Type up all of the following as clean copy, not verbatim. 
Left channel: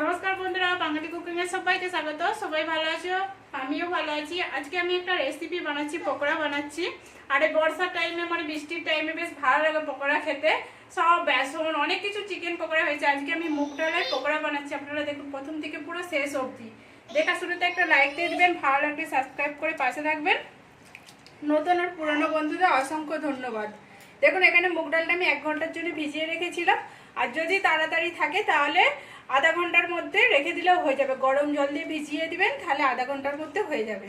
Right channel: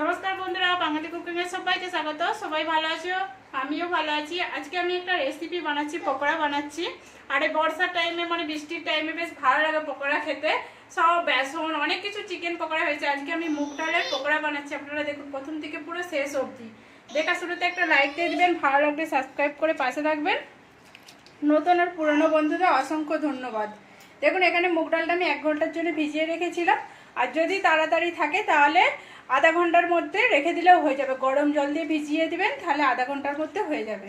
নমস্কার বন্ধুরা, বাঙালি কুকিং এর সবাইকে স্বাগত। সবাই ভালো আছো? আমিও ভালো আছি। আজকে আমি একটা রেসিপি বানাচ্ছি, পকোড়া বানাচ্ছি। আর এই বর্ষার টাইমে মানে বৃষ্টির টাইমে বেশ ভালো লাগে পকোড়া খেতে। সব বেসন অনেক কিছু চিকেন পকোড়া হয়েছে। আজকে আমি মুগ ডালের পকোড়া বানাচ্ছি। আপনারা দেখুন প্রথম থেকে পুরো শেষ অবধি। দেখা শুরুতে একটা লাইক দিয়ে দিবেন, ভালো লাগলে সাবস্ক্রাইব করে পাশে থাকবেন। নতুন আর পুরনো বন্ধুদের অসংখ্য ধন্যবাদ। দেখুন এখানে মুগ ডালটা আমি 1 ঘন্টার জন্য ভিজিয়ে রেখেছিলাম। আর যদি তাড়াতাড়ি থাকে তাহলে আধা ঘন্টার মধ্যে রেখে দিলেও হয়ে যাবে। গরম জল দিয়ে ভিজিয়ে দিবেন, তাহলে আধা ঘন্টার মধ্যে হয়ে যাবে।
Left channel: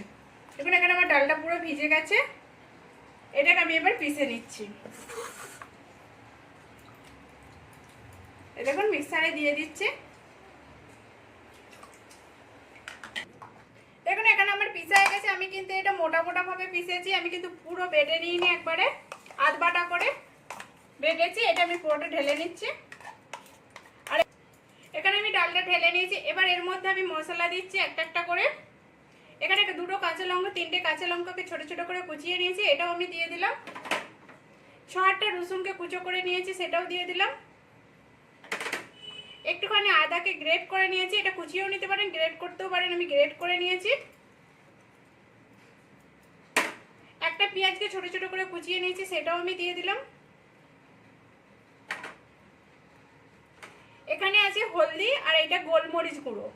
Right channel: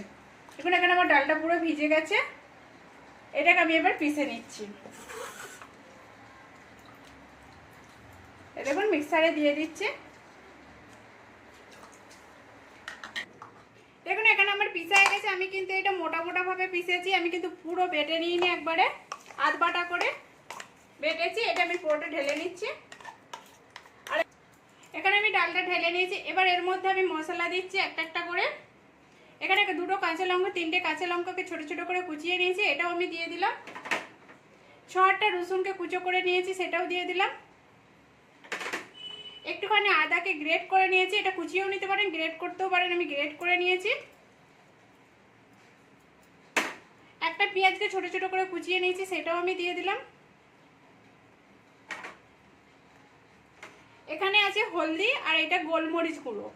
দেখুন এখানে আমার ডালটা পুরো ভিজে গেছে। এটাকে আমি এবার পিষে নিচ্ছি। দেখুন মিক্সারে দিয়ে দিচ্ছি। দেখুন এখানে আমার পিষা হয়ে গেছে। আমি কিন্তু এটা মোটা মোটা ভাবে পিষেছি, আমি কিন্তু পুরো বেটে নিইনি, একবারে আধ বাটা করে বেটেছি। এটা আমি পুরোটা ঢেলে নিচ্ছি। আর এখানে আমি ডালটা ঢেলে নিয়েছি। এবার এর মধ্যে আমি মশলা দিচ্ছি একটা একটা করে। এখানে 2টো কাঁচা লঙ্কা, 3টে কাঁচা লঙ্কাকে ছোট ছোট করে কুচিয়ে নিয়েছি, এটাও আমি দিয়ে দিলাম। 6-8টা রসুনকে কুচো করে নিয়েছি, সেটাও দিয়ে দিলাম। একটুখানি আদাকে গ্রেট করে নিয়েছি, এটা কুচিয়েও নিতে পারেন, গ্রেট করতেও পারেন, আমি গ্রেট করে নিয়েছি। একটা পেঁয়াজকে ছোট ছোট করে কুচিয়ে নিয়েছি, সেটাও আমি দিয়ে দিলাম। এখানে আছে হলদি আর এটা গোলমরিচ গুঁড়ো।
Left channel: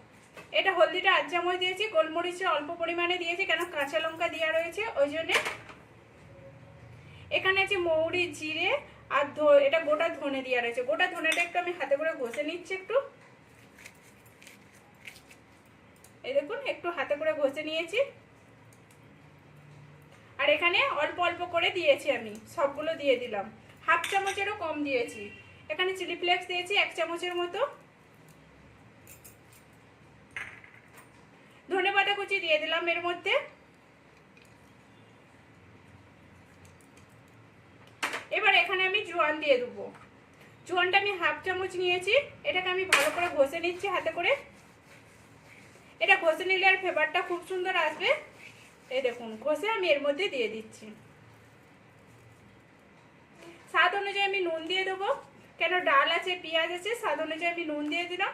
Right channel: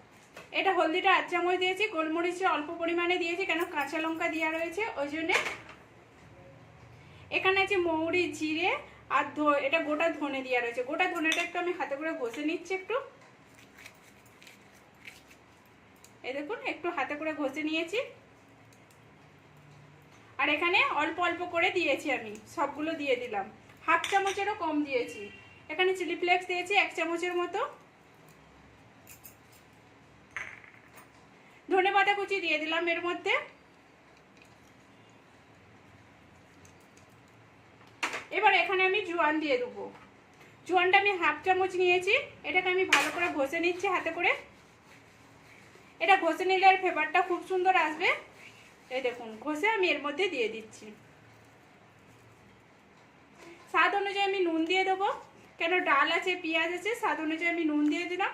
এটা হলদিটা 8 চামচ দিয়েছি, গোলমরিচটা অল্প পরিমাণে দিয়েছি, কেন কাঁচা লঙ্কা দেওয়া রয়েছে ওই জন্যে। এখানে আছে মৌরি, জিরে আর এটা গোটা ধনে দেওয়া রয়েছে। গোটা ধনেটা একটু আমি হাতে করে ঘষে নিচ্ছি একটু। এই দেখুন একটু হাতে করে ঘষে নিয়েছি। আর এখানে অল্প অল্প করে দিয়েছি, আমি সবগুলো দিয়ে দিলাম। 1/2 চামচেরও কম দিয়েছি। এখানে চিলি ফ্লেক্স দিয়েছি 1 চামচের মতো। ধনেপাতা কুচি দিয়ে দিলাম এর মধ্যে। এবার এখানে আমি জোয়ান দিয়ে দেবো। জোয়ানটা আমি 1/2 চামচ নিয়েছি। এটাকে আমি ভালো করে ঘষে নিচ্ছি হাতে করে। এটা ঘষে নিলে আর ফ্লেভারটা খুব সুন্দর আসবে। এই দেখুন ঘষে আমি এর মধ্যে দিয়ে দিচ্ছি। স্বাদ অনুযায়ী আমি নুন দিয়ে দেবো, কেন ডাল আছে, পেঁয়াজ আছে, স্বাদ অনুযায়ী আমি নুন দিয়ে দিলাম।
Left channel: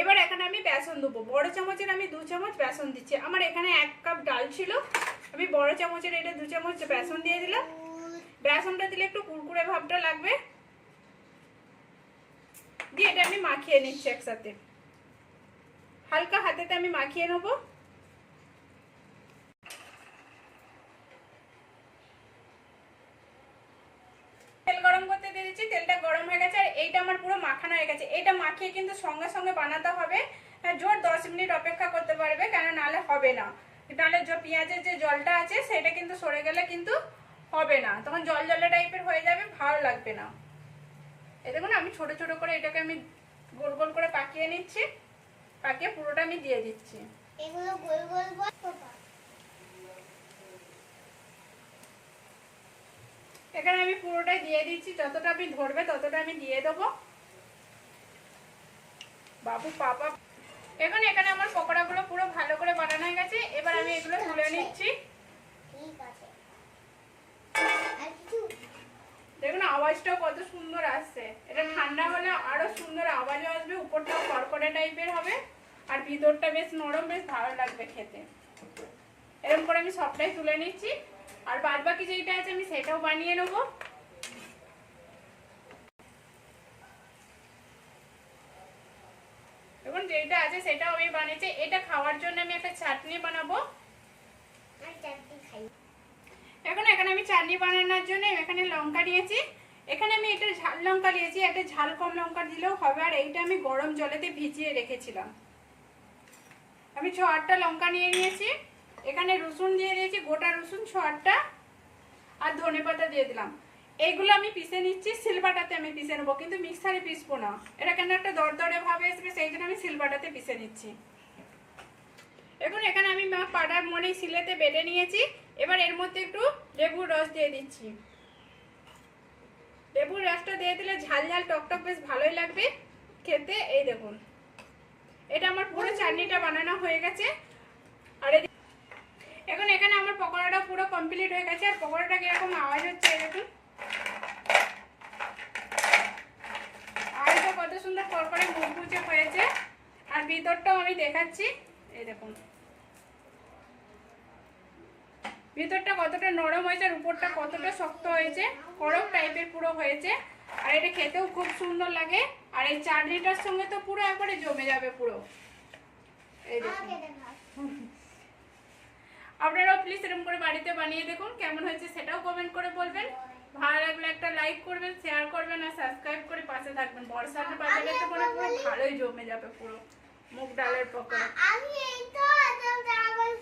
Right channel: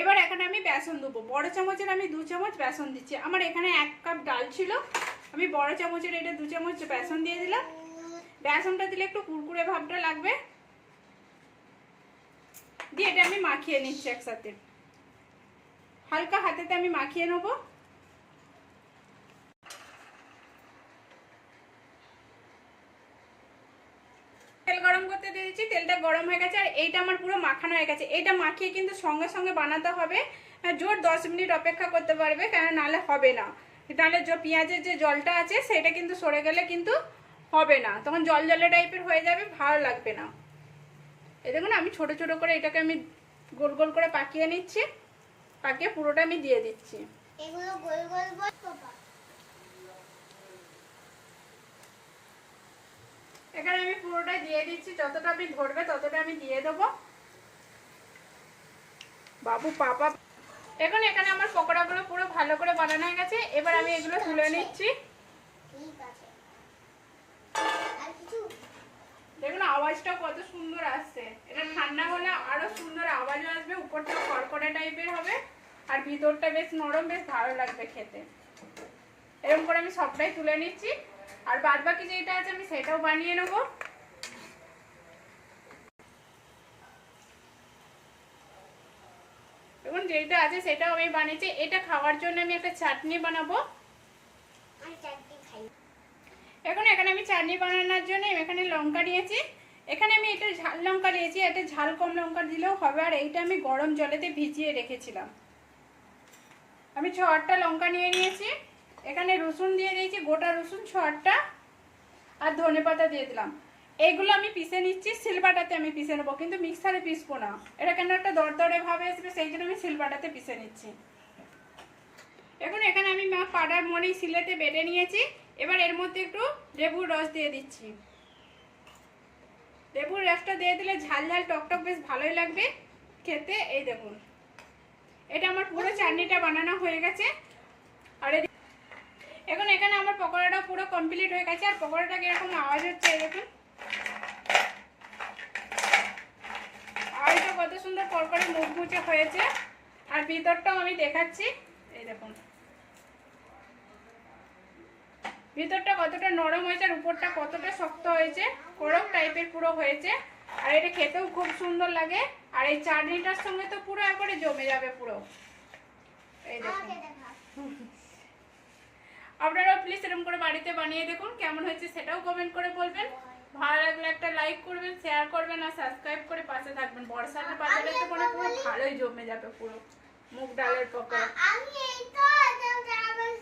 এবার এখানে আমি বেসন দেবো। বড় চামচের আমি 2 চামচ বেসন দিচ্ছি। আমার এখানে 1 কাপ ডাল ছিল, আমি বড় চামচের এটা 2 চামচ বেসন দিয়ে দিলাম। বেসনটা দিলে একটু কুরকুরে ভাবটা লাগবে। দিয়ে এটা আমি মাখিয়ে নিচ্ছি একসাথে। হালকা হাতেতে আমি মাখিয়ে নেব। তেল গরম করতে দিয়ে দিচ্ছি, তেলটা গরম হয়ে গেছে। আর এইটা আমার পুরো মাখানো হয়ে গেছে। এটা মাখিয়ে কিন্তু সঙ্গে সঙ্গে বানাতে হবে। জোর 10 মিনিট অপেক্ষা করতে পারবে, কেন নাহলে হবে না। তাহলে পেঁয়াজের যে জলটা আছে সেটা কিন্তু সরে গেলে কিন্তু হবে না, তখন জল জলে টাইপের হয়ে যাবে, ভালো লাগবে না। এই দেখুন আমি ছোট ছোট করে এটাকে আমি গোল গোল করে পাকিয়ে নিচ্ছি। পাকিয়ে পুরোটা আমি দিয়ে দিচ্ছি। এগুলো গোল গোল এখানে আমি পুরোটাই দিয়ে দিচ্ছি, যতটা আমি ধরবে ততটা আমি দিয়ে দেবো। বাবু পাপা। এখন এখানে আমার পকোড়াগুলো পুরো ভালো করে বানানো হয়ে গেছে। এবার আমি এগুলো তুলে নিচ্ছি। দেখুন আওয়াজটাও কত সুন্দর আসছে। এটা ঠান্ডা হলে আরো সুন্দর আওয়াজও আসবে, উপরটা কড়কড়ে টাইপের হবে আর ভিতরটা বেশ নরম, বেশ ভালো লাগবে খেতে। এরকম করে আমি সবটাই তুলে নিচ্ছি। আর বাদ বাকি যেটা আছে আমি সেটাও বানিয়ে নেবো। দেখুন যেটা আছে সেটাও আমি বানিয়েছি। এটা খাওয়ার জন্য আমি একটা চাটনি বানাবো। এখন এখানে আমি চাটনি বানানোর জন্য এখানে লঙ্কা নিয়েছি। এখানে আমি এটা ঝাল লঙ্কা নিয়েছি, এটা ঝাল কম লঙ্কা দিলেও হবে। আর এইটা আমি গরম জলেতে ভিজিয়ে রেখেছিলাম। আমি 6-8টা লঙ্কা নিয়ে নিয়েছি। এখানে রসুন দিয়ে দিয়েছি, গোটা রসুন 6-8টা। আর ধনেপাতা দিয়ে দিলাম। এইগুলো আমি পিষে নিচ্ছি, শিলবাটাতে আমি পিষে নেবো, কিন্তু মিক্সারে পিষবো না। এটা কেন একটা দরদরে ভাবে আসবে, সেই জন্য আমি শিলবাটাতে পিষে নিচ্ছি। এখন এখানে আমি পাড়ার মনে শিলেতে বেটে নিয়েছি। এবার এর মধ্যে একটু লেবুর রস দিয়ে দিচ্ছি। লেবুর রসটা দিয়ে দিলে ঝাল ঝাল টকটক বেশ ভালোই লাগবে খেতে। এই দেখুন এটা আমার পুরো চাটনিটা বানানো হয়ে গেছে। আর এখন এখানে আমার পকোড়াটা পুরো কমপ্লিট হয়ে গেছে। আর পকোড়াটা কিরকম আওয়াজ হচ্ছে এই দেখুন, আওয়াজটা কত সুন্দর করকরে মুচমুচে হয়েছে। আর ভিতরটাও আমি দেখাচ্ছি, এই দেখুন ভিতরটা কতটা নরম হয়েছে আর উপরটা কতটা শক্ত হয়েছে, কড়ক টাইপের পুরো হয়েছে। আর এটা খেতেও খুব সুন্দর লাগে। আর এই চাটনিটার সঙ্গে তো পুরো একবারে জমে যাবে পুরো। এই দেখুন, আপনারাও প্লিজ এরকম করে বাড়িতে বানিয়ে দেখুন, কেমন হয়েছে সেটাও কমেন্ট করে বলবেন। ভালো লাগলে একটা লাইক করবেন, শেয়ার করবেন আর সাবস্ক্রাইব করে পাশে থাকবেন। বর্ষার বাজারে তো মানে পুরো ভালোই জমে যাবে পুরো মুগ ডালের পকোড়া। আমি এই তো আমার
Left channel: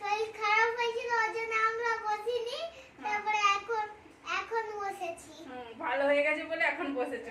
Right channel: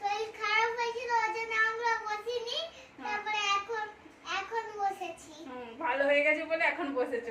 শরীর খারাপ হয়েছিল ওজন্য আমরা বসিনি, তারপরে এখন বসেছি। ভালো হয়ে গেছে বলে এখন বসেছে।